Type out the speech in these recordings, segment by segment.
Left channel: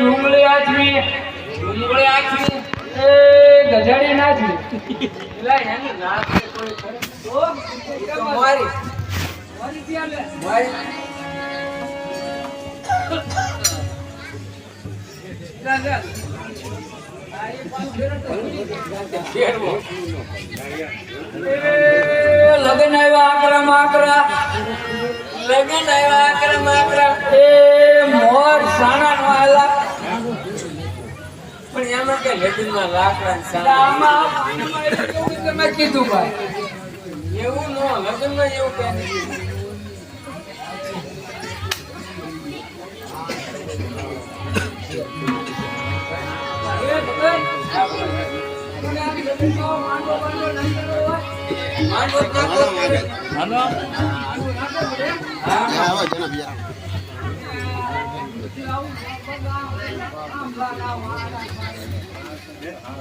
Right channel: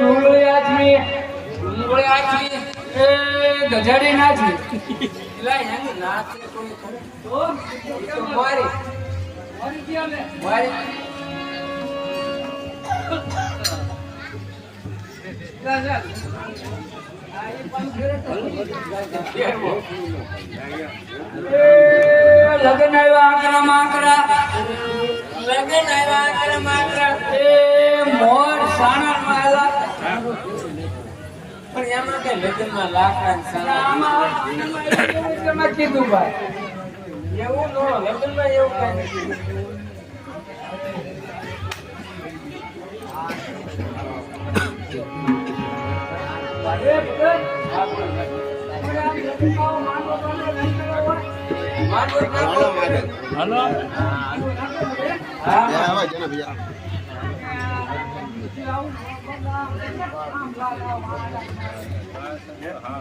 ડુંગળી આચવી ગજાડી નાચવી લગ્ન આકરા માકરા એ મોર સાણા વાલા પણ એમાં કે લગ્નમાં લાકડા તમે કીધું ભાઈ એવું નો લગ્નમાં એવું કઈ નથી.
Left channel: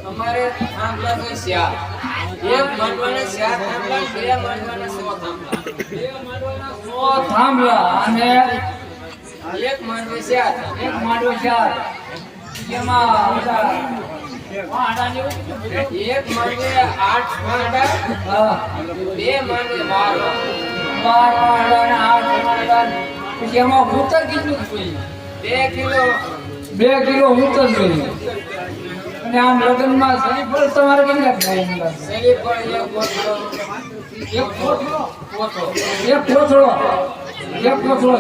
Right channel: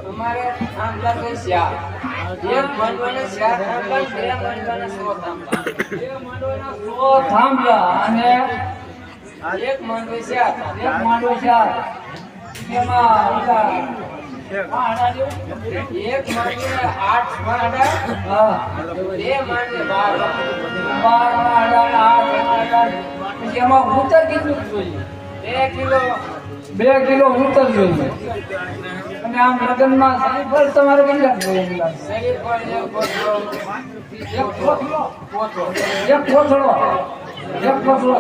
અમારે થાંભલા તો શ્યા એક માંડવાના શ્યા થાંભલા બે માંડવાના 100 થાંભલા અને એક માંડવે શ્યા એક માંડવો ચાર એમાં એક માંડવે 8 વાડા બે માંડવે 12 વાડા 8 પછી એમાં ઉતર કેટલું જોઈએ 2 કિલો ઉતર જોઈએ. અને આમ લગ્નમાં શરીફળ તમારે કેટલા જોઈએ? શરીફળ એક કોથળો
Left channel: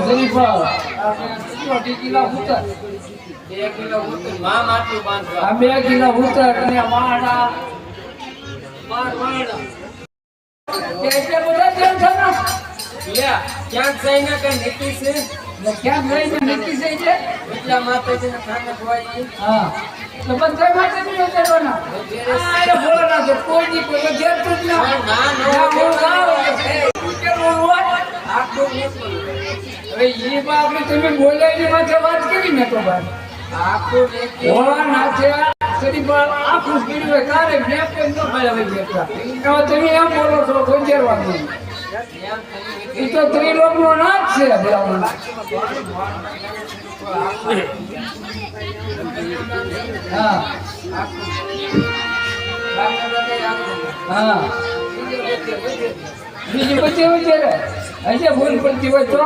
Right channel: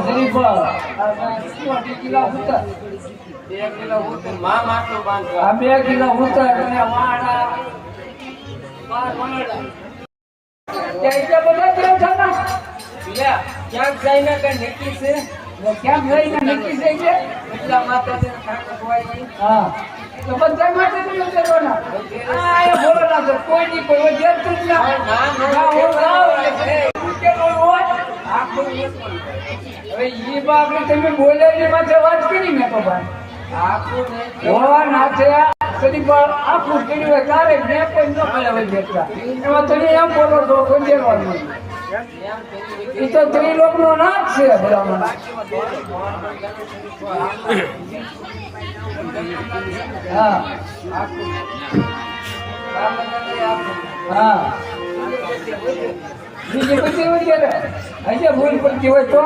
શરીફળ 2 કિલો ઉતર 2 કિલો ઉતર માં માટલું બાંધવા 2 કિલો ઉતર અને વાડા 12 એટલે બધા તેલ છે ને લ્યા ક્યાં જઈને કે નીતિ છે ક્યાં જઈને નક્કી થઈ છે એટલા માટે છે ખાને ખવાય. હા તો બધા માટે બી કરવાના આ બોલો ના તો કોઈ ની કોઈ ઘેર તું જ ના હું જાવ એટલે કે બોલવા આખું હવે ઈ બાપડી તમે બોલ્યાની માથે વાત કરી મેં તો ભાઈ આખું બોલવા નાથે સદી પર આખું કરી હોય તારે મેં કોઈ ન ખાય હોય બેટા એમાં તમે એમ બોલો છો ગંજેરવાનું એ તો ત્રિલોક નો નાથ છે બ્રાહ્મણ. હા હા બીજી બધી વિચારે હજી ભૂલ પડતી હોય તો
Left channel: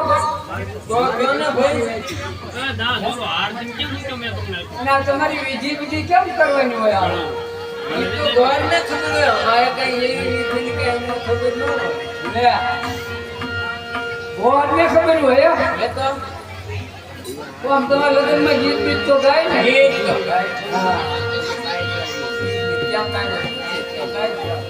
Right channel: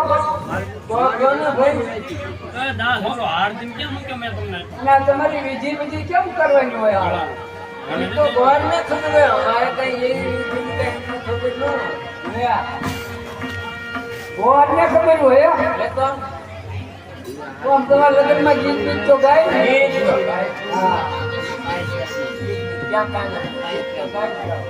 અને તમારી વિધિ કેમ કરવાની હોય તો ગોર ને ખબર મારે કઈ એવી રીતિ કઈ એમને ખબર ન હોય ભગવાનને ખબર હોય એ તો આમ તમારા લગ્નમાં ગીત તો ગાય ને ગીત તો ગાય. હા ક્યાં કાંઈ નથી ક્યાં કાંઈ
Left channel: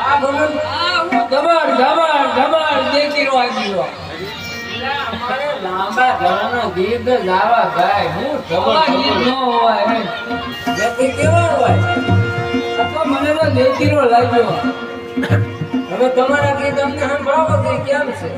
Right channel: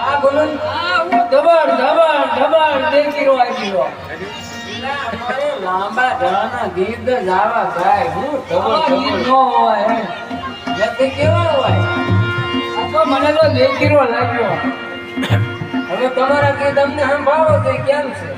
આ બોલો જબર જબર જબર દેખીરો આવી ગયો મારે લાંબા ગાળાના ગીત જ આવા ગાય હું આવા ગીત ન હોય એમ. નક્કી કેવા હોય આ તો મને તો દેખીરો લાગ્યો હવે તમારા ગીત અમને સંભળાવો તો કેમ છે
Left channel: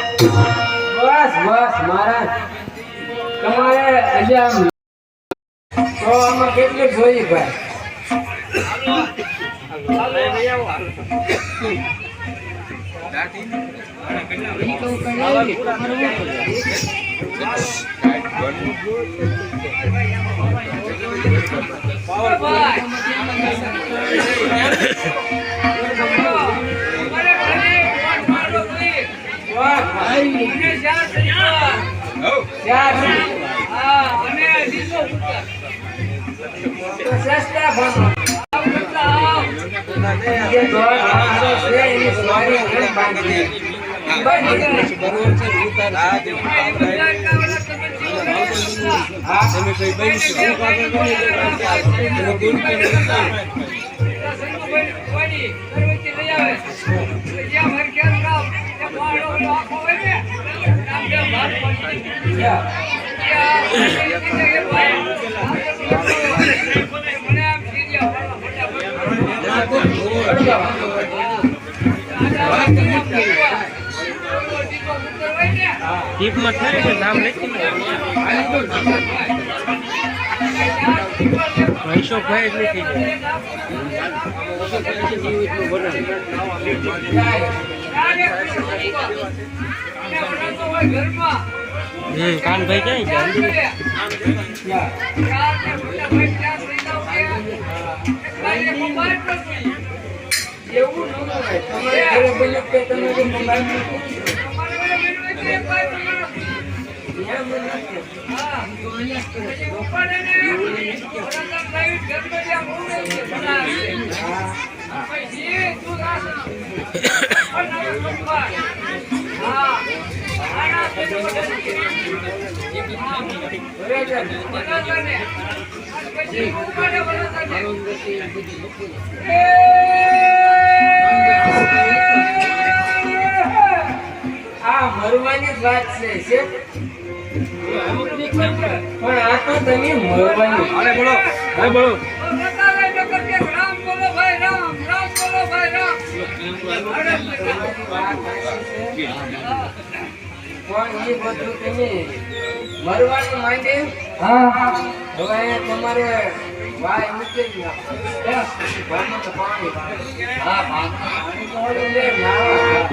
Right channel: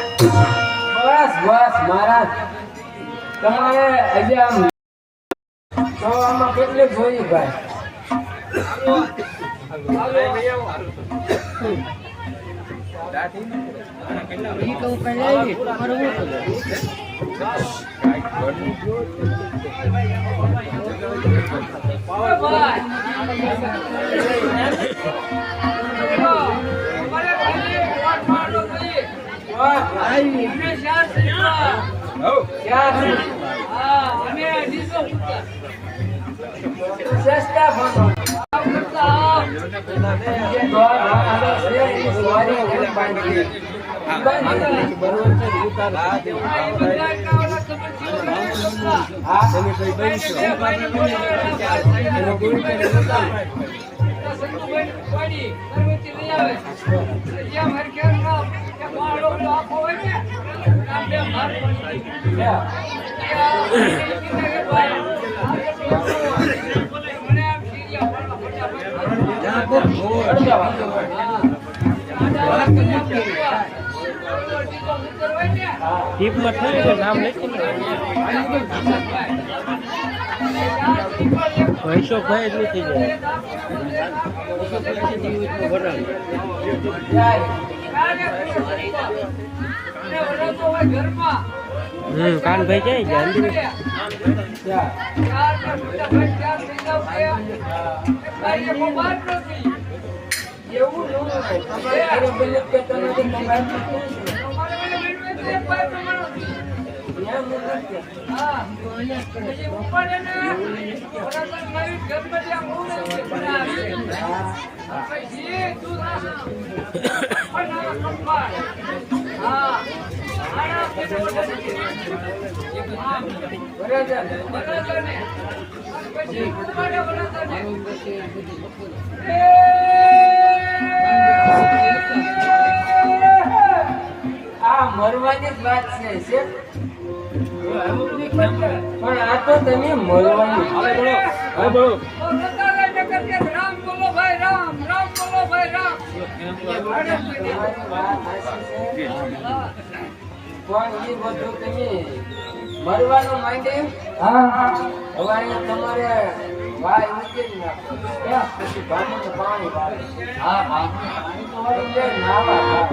બસ બસ મહારાજ તમારે આજે આમ તો આમાં કેટલું જોઈએ ભાઈ ટીપમાં થાય છે નામ લખીને રહીશોભાઈ જ લખી જાય કાનભાઈ આ મરવાની જ વાત છે પણ આ તો તમે મરવાની રામ બોલો ભાઈ રામ રામ બોલો ભાઈ રામ પણ એ બધું તમે મરવાનું માંગે હા હવે તમારે વાય મૂકી નાખો પછી પાણી તો પાણી હા પાણી તો હવે નાવા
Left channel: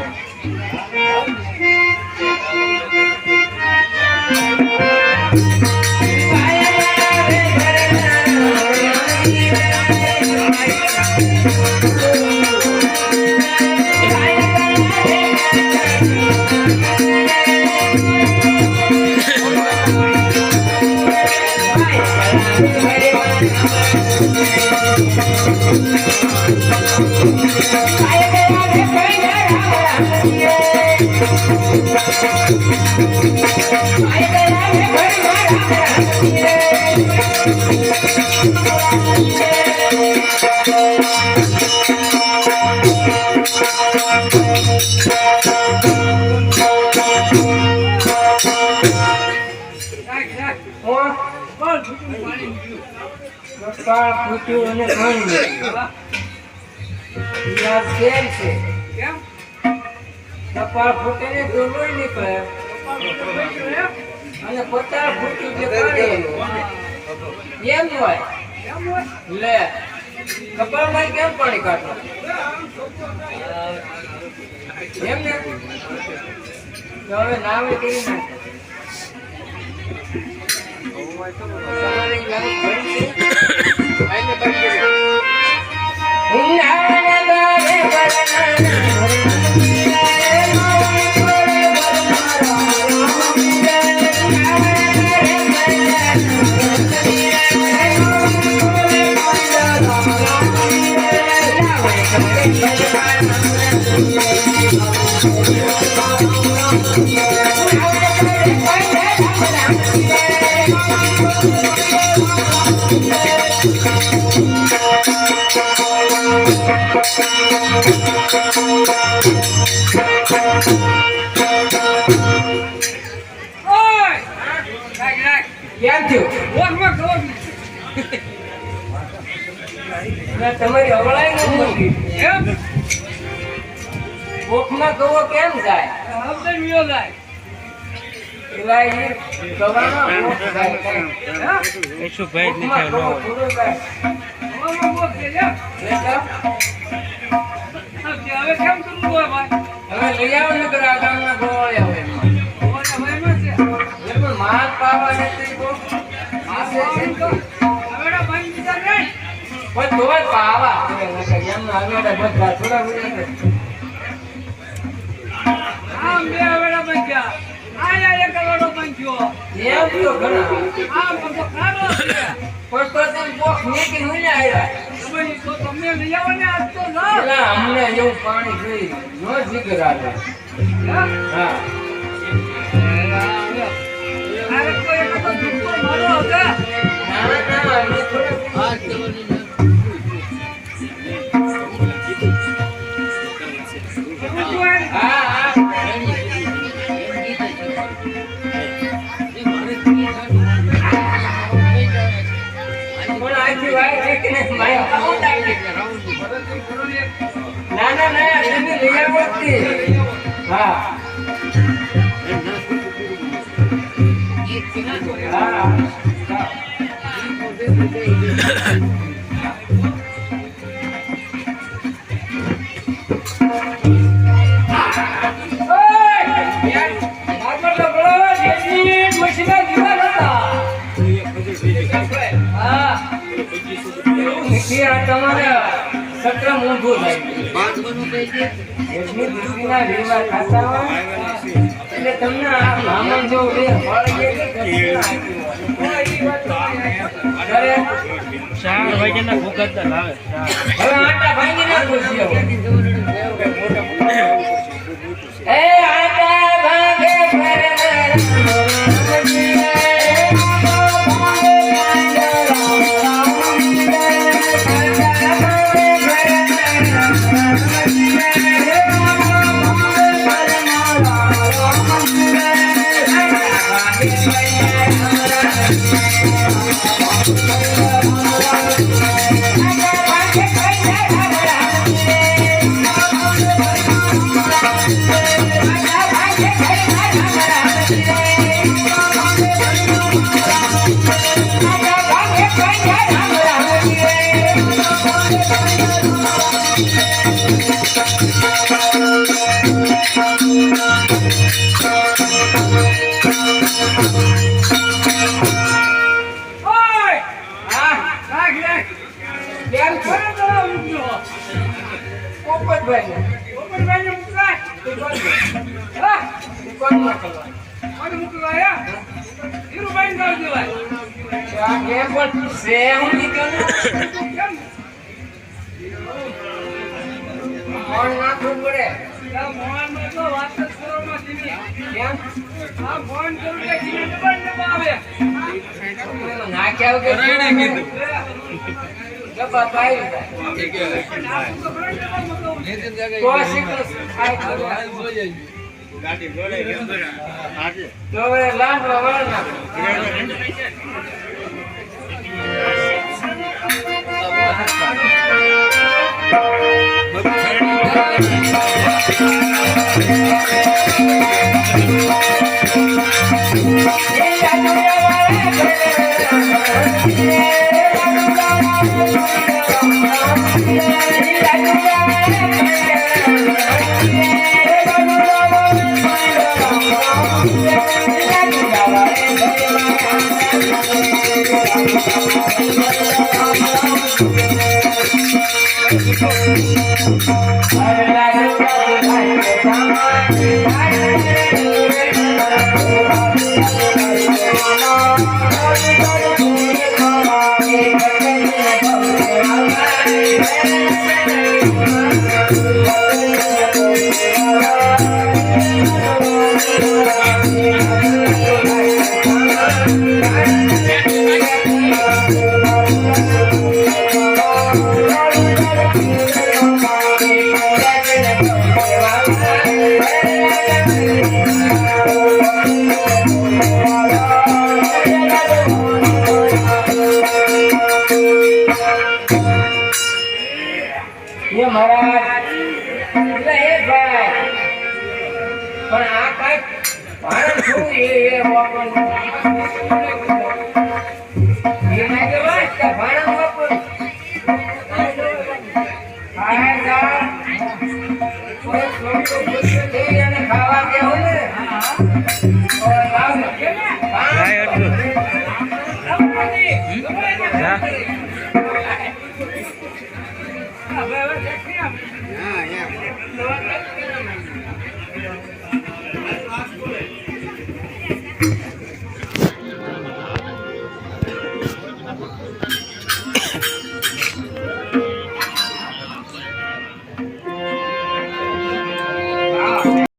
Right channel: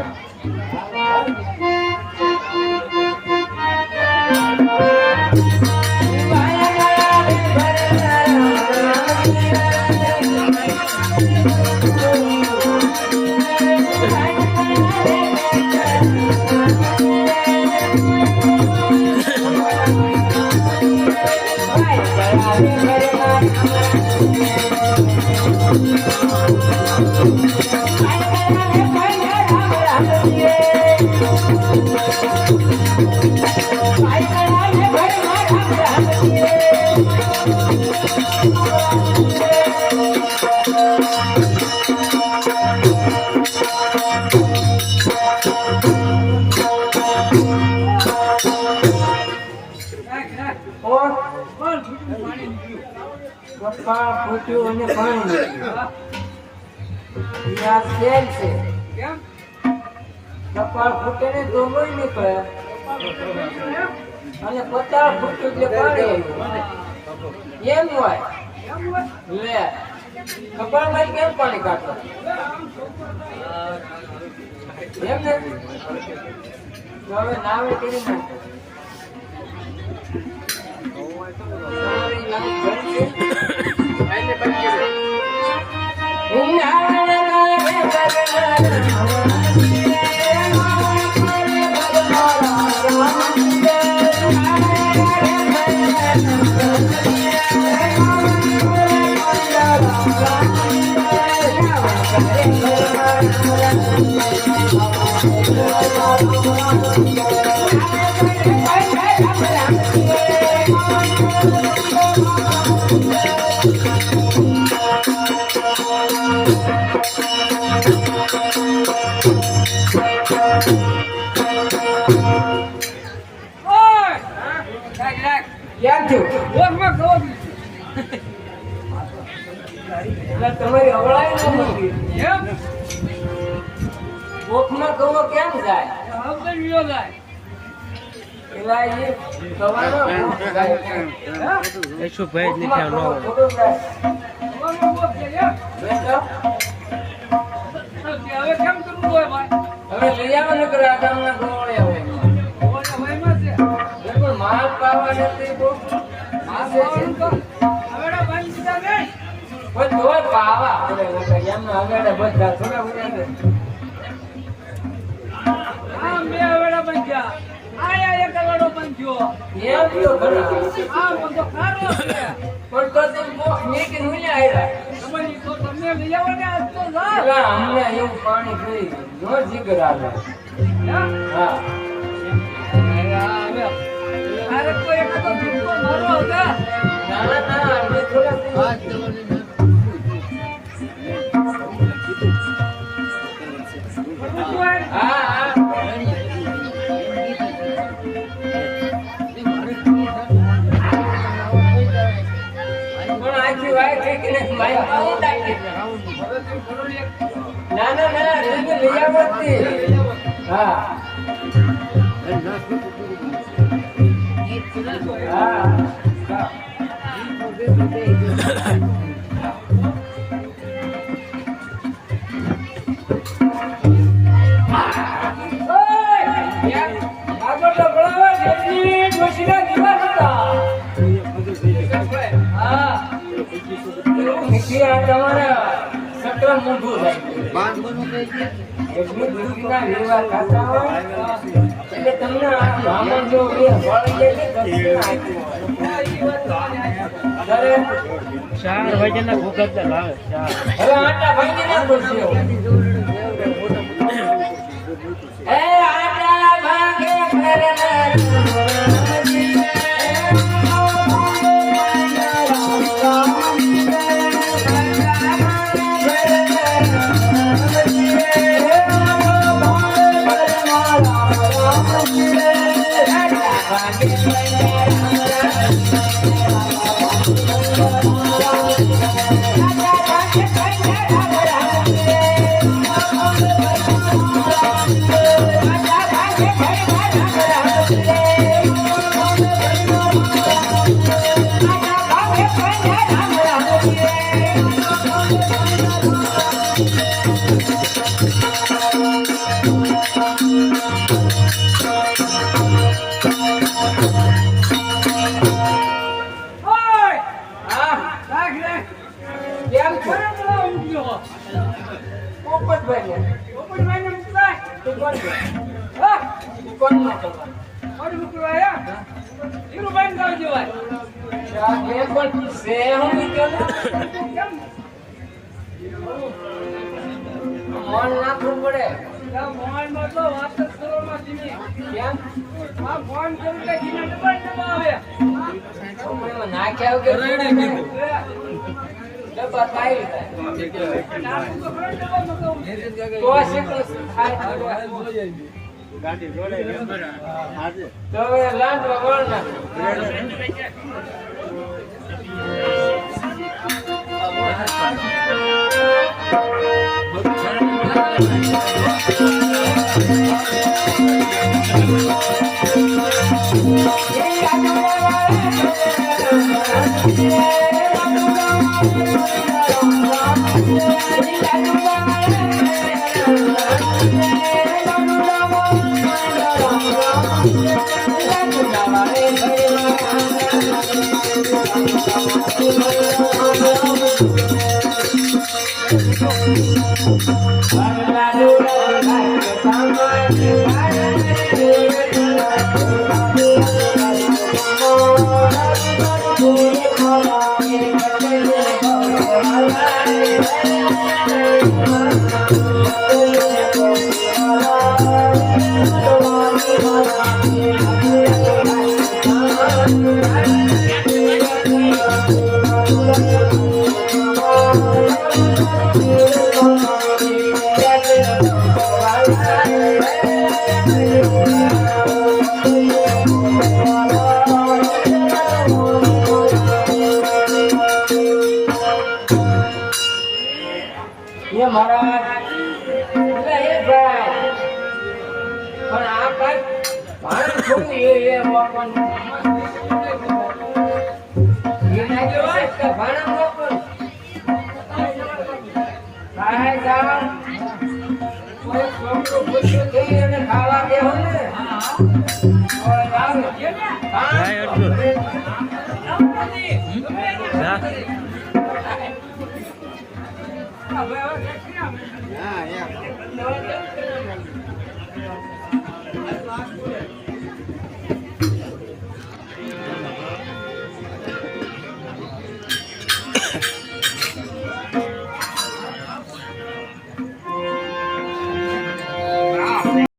પૂછ્યું અને ઘણું છે કેમ કપાળ ફૂટે ને તો લોહી નીકળે અને 50 ફૂટ એટલે પાણી એમ હોય લે કપાળમાં કેમ પાણી કાઢો એમ ને તો હવે નાવે કરી નાખો તમારી લાઈફ બનશે આને બંધ કેમ થયું તમારી અવળાઈ ન હતી એમ કોકના કવો કેમ જાય એલા એ કવાનો જાય કેમ શું ભાઈ જ નથી આવવાનો હવે લઈ આવો ને તો આગામના ગોળ્યા હોય એમાં માલ પાવા નથી માલ પણ તો પાવા એમનો આગળ બધા થોડા અમને એવું પાણી જોઈ નો જીગર આવે હા તમારા સત્ર મોંઘું થાય એટલી દીકરીના વિવાહ થતા હોય એટલે તમને બ્રાહ્મણ જો બે ફળ લે કે 4 વાગ્યાના ભૂખત લાવે હવે આટા ભાંગી નાખો છો એ આટા ભાંગે Yeah. એ મહારાજ એટલે એ ભાઈ પણ આ કાંઈક ભાણું થોડું એ વાપરવાનું. એ ના કહેવાય કે ભાણું વાપરવું. ખાય જાઓ. કોઈ છોકરો પૂછે જઈ અને ખાવા દેવો ને. ઓય આવે. જાય અર્જુન. જા.